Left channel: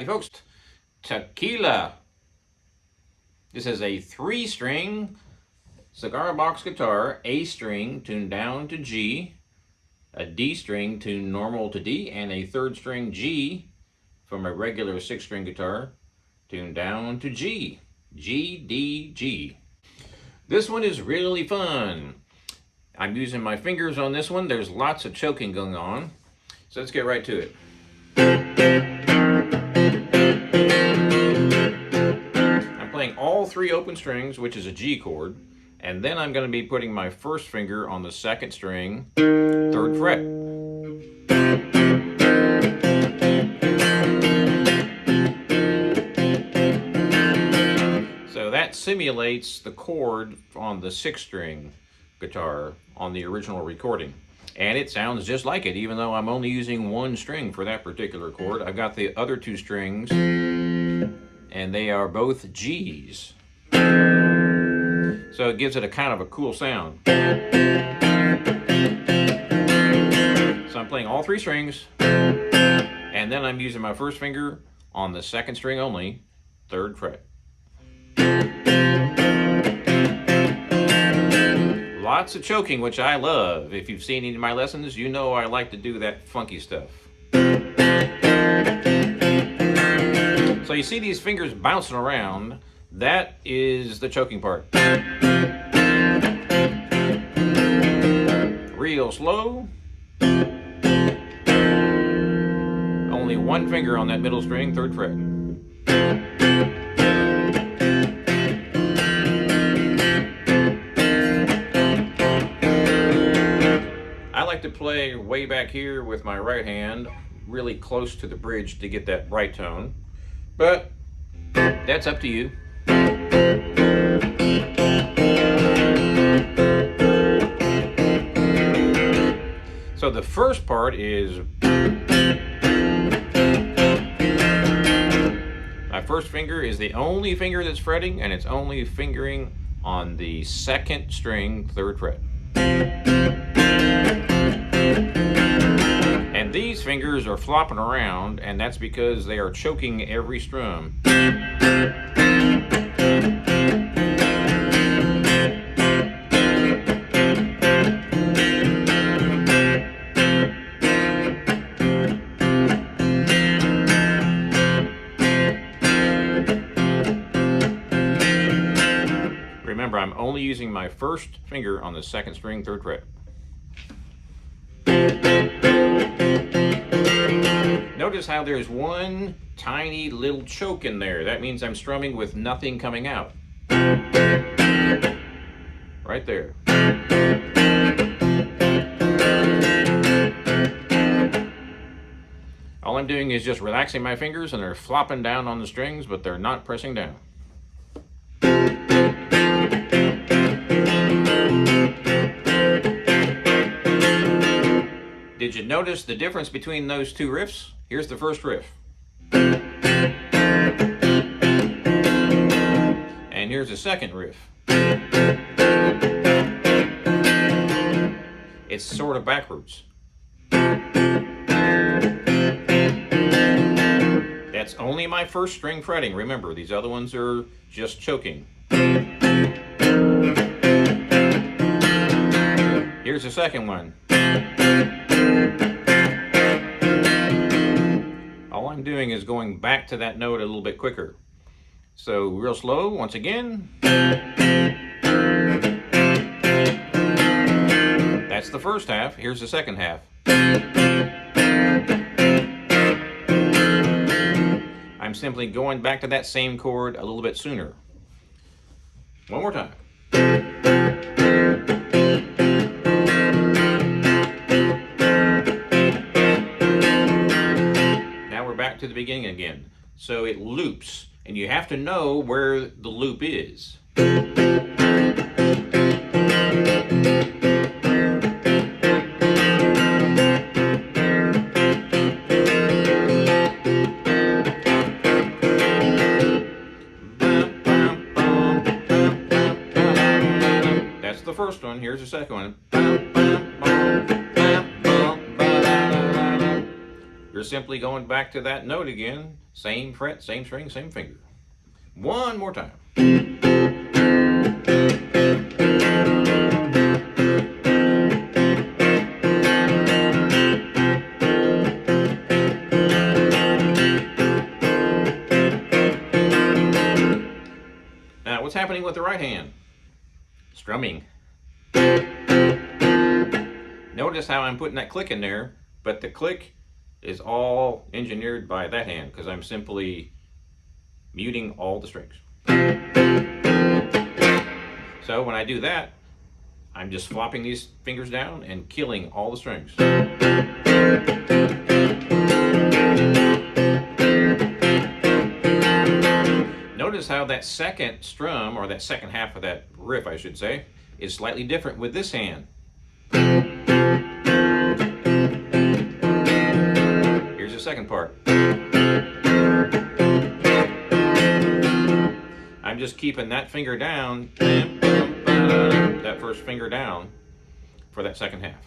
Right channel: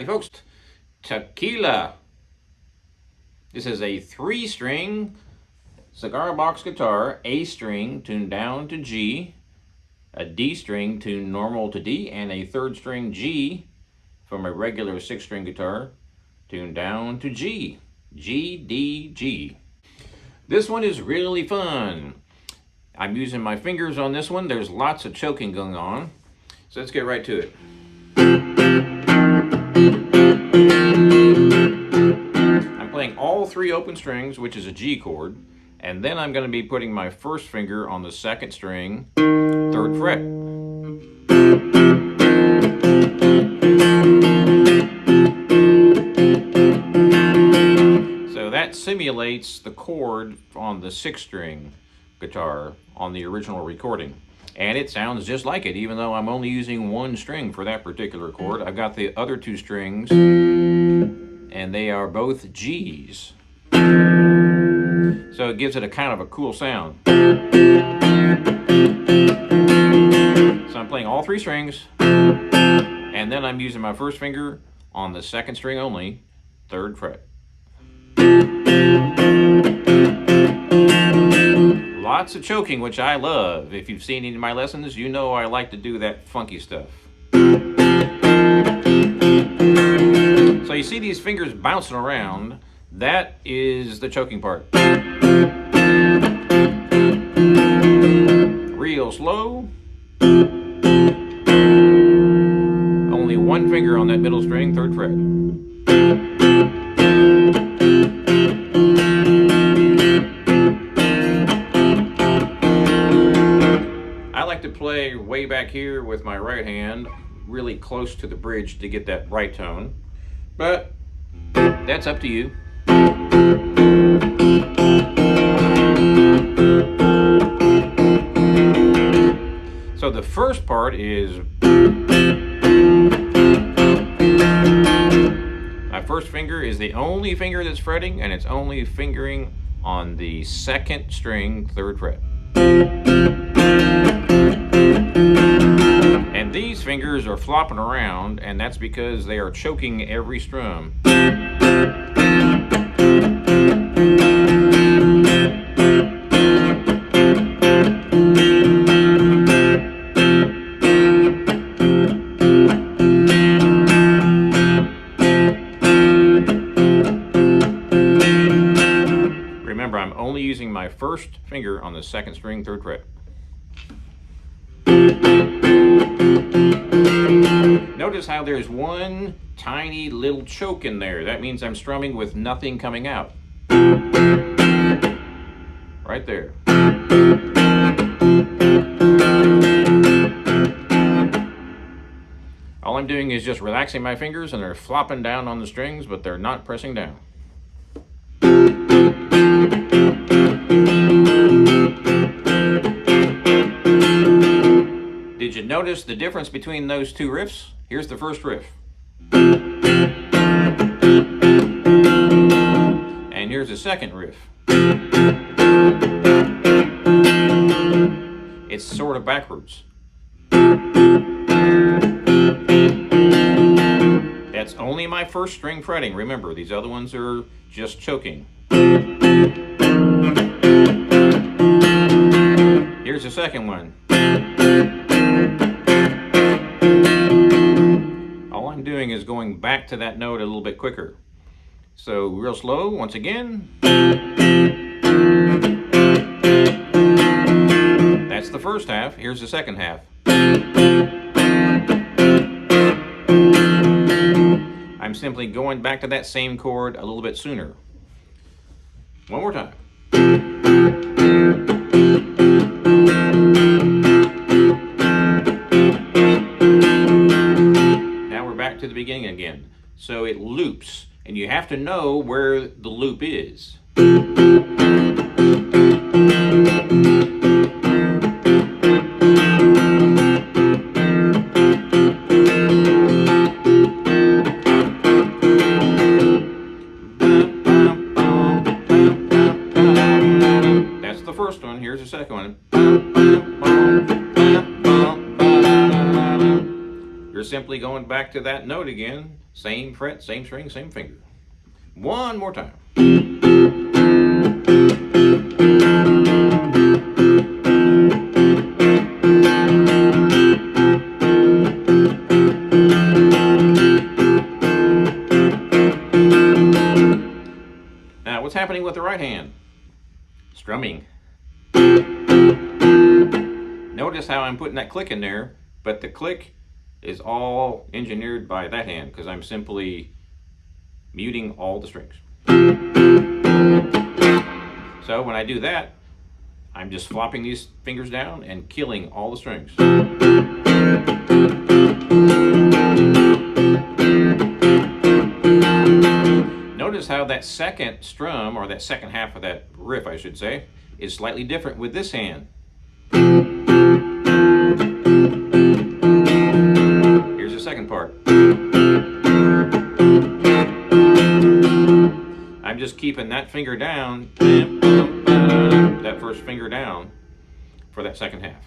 Howdy folks, Tequila. This is a 3-string cigar box guitar, A string tuned down to G, a D string tuned normal to D, and a 3rd string G from a regular 6-string guitar tuned down to G. G, D, G. This one is really fun. I'm using my fingers on this one. There's lots of choking going on. So let's get right to it. I'm playing all 3 open strings, which is a G chord, and then I'm going to be putting my 1st finger on the 2nd string, 3rd fret. So that simulates the chord on the 6-string guitar on the original recording. And it sounds just like it, even though I'm only using 1 string for that particular chord. I've got the other 2 strings, and they are both G's. So it gives it a kind of a cool sound. So I'm playing all 3 strings, and then I'm using my 1st finger on the 2nd string only, 3rd fret. Lots of choking, which I love. If you've seen any of my lessons, you know I like to do that funky stuff. So you see these fingers bouncing around. That is the choking part. Real slow. Only 1 finger on that middle string, 3rd fret. I like to play way back here with my right hand, really close to the bridge to get that right tone, but that's up to you. So the first part is my 1st finger is the only finger that's fretting, and it's only fingering on the 2nd string, 3rd fret. And these fingers are flopping around, and that's because they are choking every strum. Remember, I'm only using my 1st finger on the 2nd string, 3rd fret. Notice how there's 1 tiny little choke in there. That means I'm strumming with nothing coming out. Right there. All I'm doing is just relaxing my fingers, and they're flopping down on the strings, but they're not pressing down. Did you notice the difference between those 2 riffs? Here's the first riff. And here's the second riff. It's sort of backwards. That's only my 1st string fretting. Remember, these other ones are just choking. Here's the second one. All I'm doing is going back to that note a little bit quicker. So real slow, once again. That's the first half. Here's the second half. I'm simply going back to that same chord a little bit sooner. One more time. To the beginning again. So it loops, and you have to know where the loop is. That's the first one. Here's the second one. you're simply going back to that note again. Same fret, same string, same finger. One more time. Now, what's happening with the right hand? Strumming. Notice how I'm putting that click in there, but the click is all engineered by that hand because I'm simply muting all the strings. So when I do that, I'm just flopping these fingers down and killing all the strings. Notice how that second strum, or that second half of that riff, I should say, is slightly different with this hand. Here's the second part. I'm just keeping that finger down, that first finger down, for that second half.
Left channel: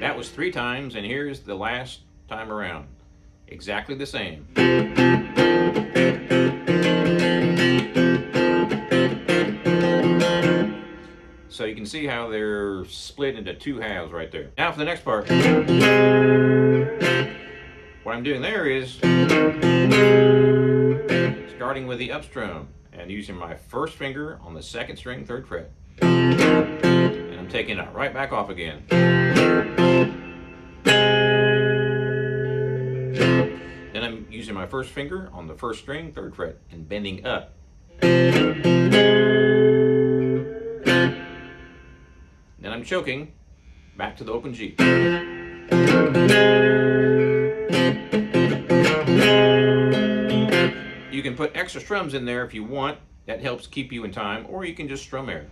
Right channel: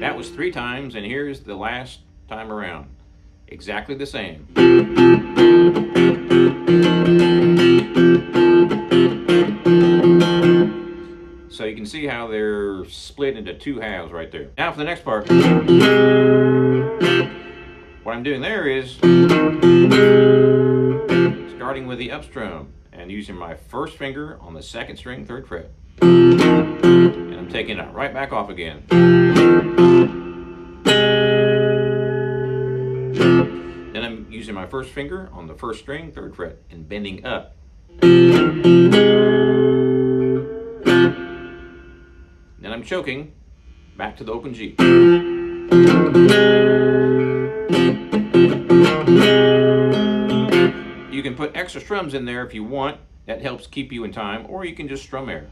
That was 3 times, and here's the last time around. Exactly the same. So you can see how they're split into 2 halves right there. Now for the next part. What I'm doing there is starting with the up strum and using my first finger on the 2nd string, 3rd fret. And I'm taking it right back off again. Then I'm using my first finger on the 1st string, 3rd fret, and bending up. Then I'm choking back to the open G. You can put extra strums in there if you want. That helps keep you in time, or you can just strum air.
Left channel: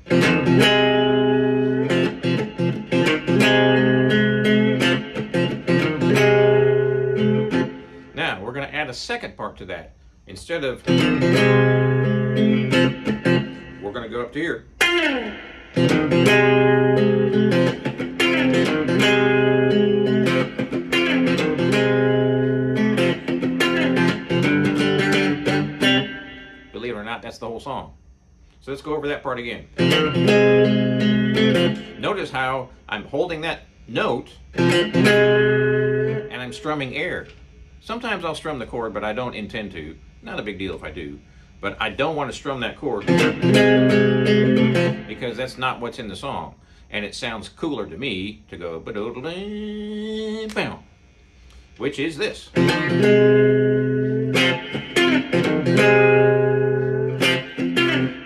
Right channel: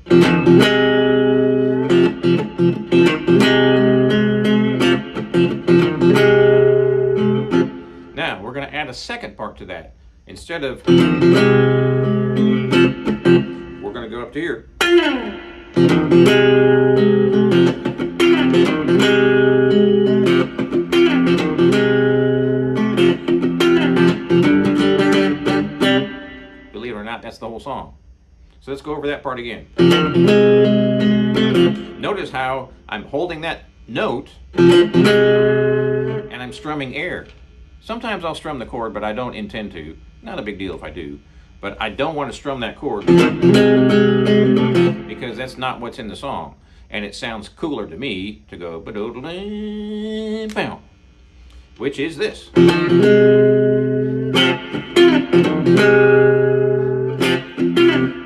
Now, we're going to add a second part to that. Instead of, we're going to go up to here. Believe it or not, that's the whole song. So let's go over that part again. Notice how I'm holding that note and I'm strumming air. Sometimes I'll strum the chord, but I don't intend to. Not a big deal if I do. But I don't want to strum that chord because that's not what's in the song. And it sounds cooler to me to go ba-do-do-do-bow, which is this.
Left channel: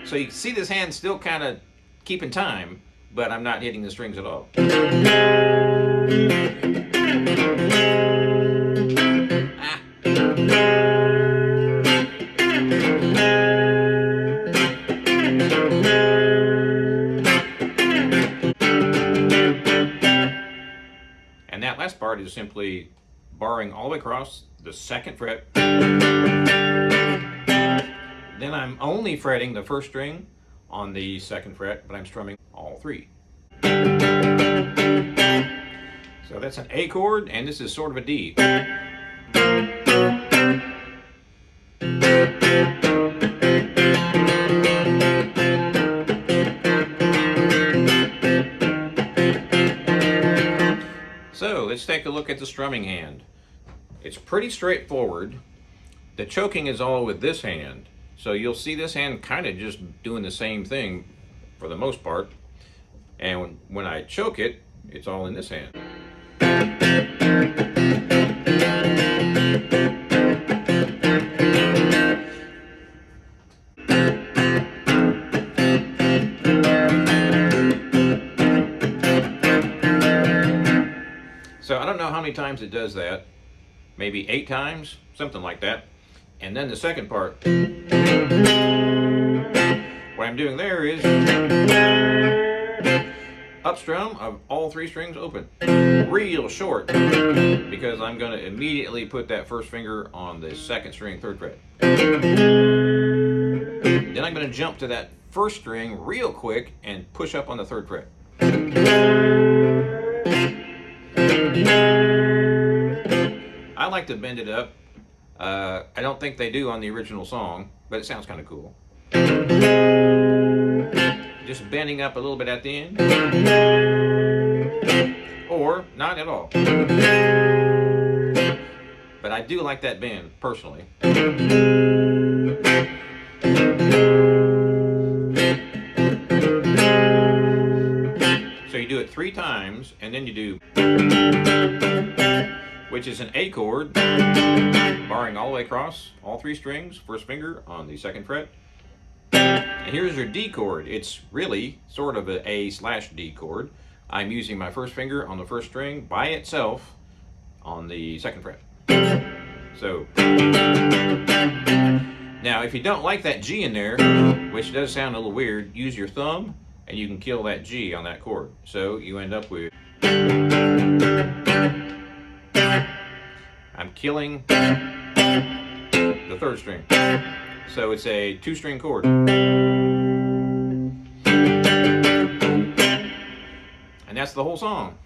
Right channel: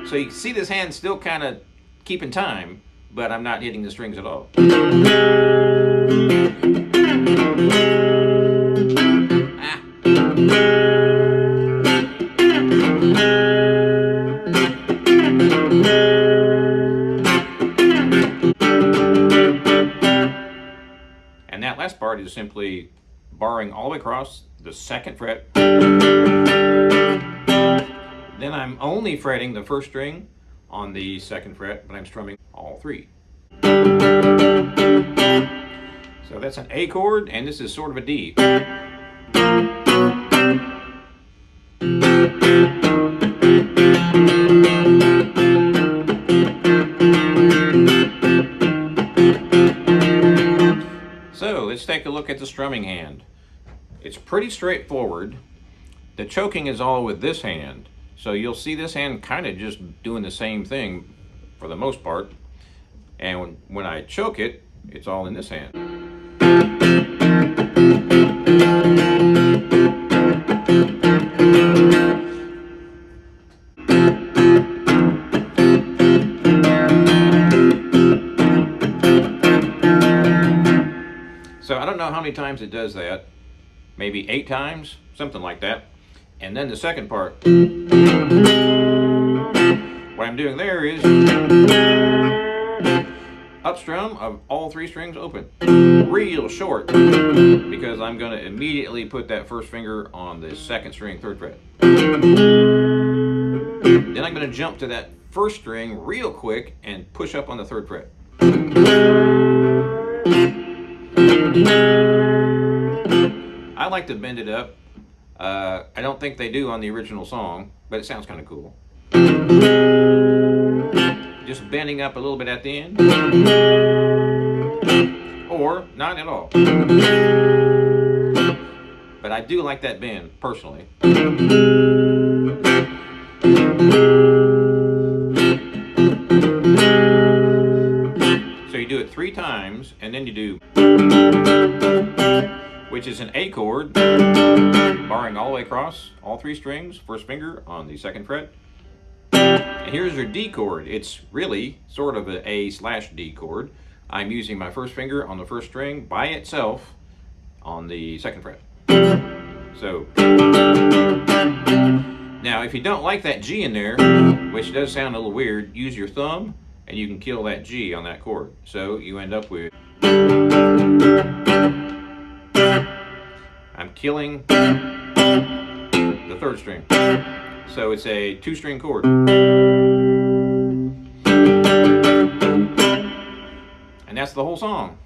So you can see this hand still kind of keeping time, but I'm not hitting the strings at all. And that last part is simply barring all the way across the 2nd fret. Then I'm only fretting the 1st string on the 2nd fret, but I'm strumming all 3. So that's an A chord, and this is sort of a D. So let's take a look at the strumming hand. It's pretty straightforward. The choking is all with this hand. So you'll see this hand kind of just doing the same thing for the most part. And when I choke it, it's all in this hand. So I don't know how many times it does that. Maybe 8 times, something like that. And then the second part, what I'm doing there is up strum of all 3 strings open. Real short, because I'm going to immediately put that first finger on the 2nd string, 3rd fret. Then I'm going to jump to that 1st string real quick and push up on the 3rd fret. I like to bend it up. I don't think they do on the original song, but it sounds kind of cool. Just bending up a little bit at the end, or not at all. But I do like that bend, personally. So you do it 3 times, and then you do, which is an A chord, barring all the way across, all 3 strings, 1st finger on the 2nd fret. And here's your D chord. It's really sort of an A/D chord. I'm using my 1st finger on the 1st string by itself on the 2nd fret. So, now if you don't like that G in there, which does sound a little weird, use your thumb and you can kill that G on that chord. So you end up with, I'm killing the 3rd string. So it's a 2-string chord. And that's the whole song.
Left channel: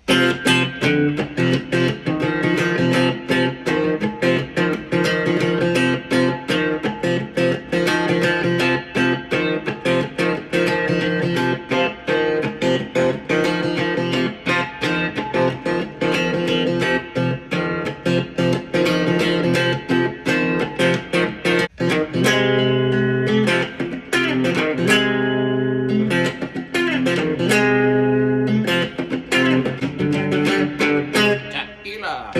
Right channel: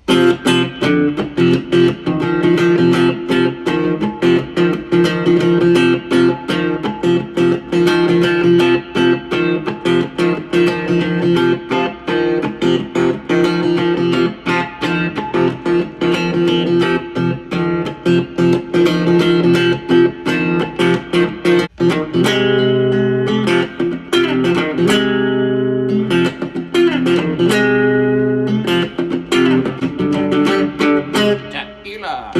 Tequila.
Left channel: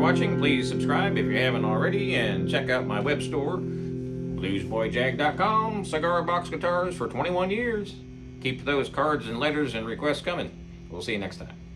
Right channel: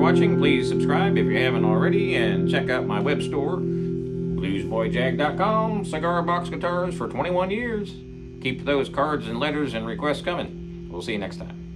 Watching. Please subscribe if you haven't already, and check out my web store, bluesboyjag.com. Cigar box guitars for 21 years. Keep those cards and letters and requests coming. We'll see you next time.